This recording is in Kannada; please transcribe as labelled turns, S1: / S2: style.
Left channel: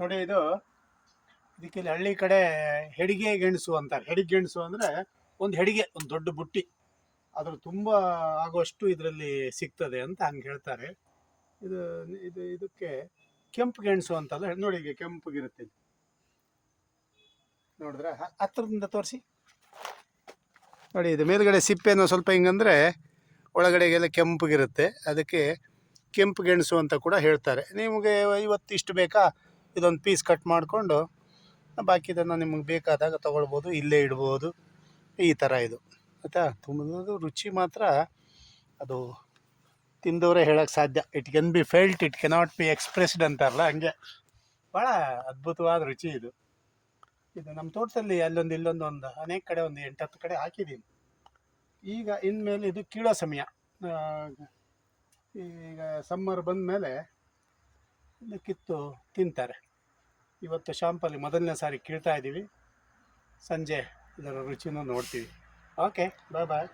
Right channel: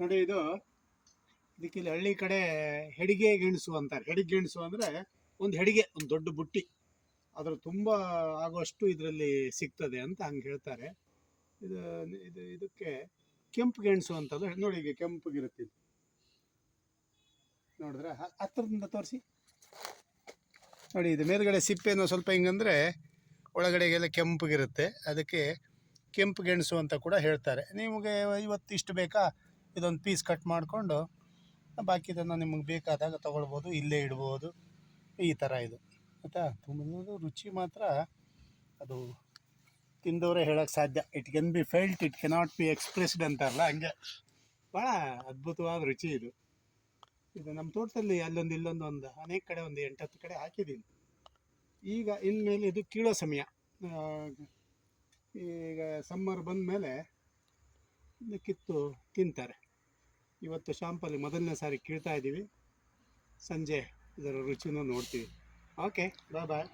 S1: ನೋಡಿ ಇದು, ಇದಕ್ಕೆ ಇಲ್ಲಿ ಹಳ್ಳಿ ಕಡೆ ಹೆಡಿಗೆ ಗೆಣಸು ಅಂತಾರೆ ಹೆಡಿಗೆ ಗೆಣಸು ಅಂದರೆ ಒಂದು ಹೆಡಿಗೆ, ಒಂದು ದೊಡ್ಡ ಬುಟ್ಟಿ. ಅದ್ರ ತುಂಬ ಆಗೋಷ್ಟು ಇದರಲ್ಲಿ ಸಿಗ್ತದೆ ಅಂತ ಹಂಗೆ ಹೇಳ್ತಾರೆ. ಇದು ಇದು, ಇದಕ್ಕೆ ಕೆಂಪು ಗೆಣಸು ಅಂತಲ್ಲ, ನೋಡಿ ಈಗ ಕೆಂಪಗಿರುತ್ತೆ ಇದು. ಹತ್ತಿರದಿಂದ ತೋರಿಸಿ. ನೋಡಿ, ಇದು ಮೇಲ್ಗಡೆ ಸಿಪ್ಪೆಯನ್ನು ಸ್ವಲ್ಪ ಹಿಂಗಂದ್ರೆ ಒಳಗಡೆಗೆಲ್ಲ ಕೆಂಪಗಿರುತ್ತೆ ಅದಕ್ಕೆ ಕೆಂಪು ಗೆಣಸು ಅಂತ ಕೂಡ ಹೇಳ್ತಾರೆ. ನಿಮಗೆ ಇವತ್ತು ಇಷ್ಟು ಬೇಕಾ? ಇದೊಂದು ಪೀಸ್ ಕಟ್ ಮಾಡಿಕೊಂಡು ಬಾಕಿದನ್ನು ನಿಮಗೆ ಬೇಕಾದಾಗ ತೊಗೊಳ್ಬೋದು, ಇಲ್ಲೇ ಇಡ್ಬೋದು. ಈ ಥರ ಇದು. ಆಯಿತಾ? ತುಂಬ ರುಚಿ ಮಾತ್ರ. ಅದು ತಿಂದವರೇ ಹೇಳೋಕ್ಕೆ ಸಾಧ್ಯ. It can be felt it cannot be expressed ಅಂತಾರಲ್ಲ, ಹಂಗೆ. ಭಾಳ ಅದ್ಭುತವಾದ ರುಚಿ ಇದು. ಇದು ನಮ್ಮ ತೋಟದಲ್ಲಿ ಅಲ್ಲೊಂದು, ಇಲ್ಲೊಂದು ಒಂದು, ಅನೇಕ ಕಡೆ ಒಂದು ಎಂಟತ್ತು ಕಡೆ ಹಾಕಿದ್ದೀನಿ. ಈಗ ಇನ್ಮೇಲೆ ಇದು ಕೀಳೋ ಸಮಯ. ಈಗ ಸಮ್ಮರ್ ಬಂದ ಮೇಲೆ ಕಿತ್ತು ತಿಂತಾರೆ. ಇವತ್ತು ಶಾಂಪಲ್ಲಿ ಮೊದಲನೇ ಸಾರಿ ಕೀಳ್ತಾ ಇದ್ದೀವಿ ಸಂಜೆ ಇದರ ರುಚಿನೂ ನೋಡ್ತೀವಿ. ಓಕೆ ಬಾಯ್ ಬಾಯ್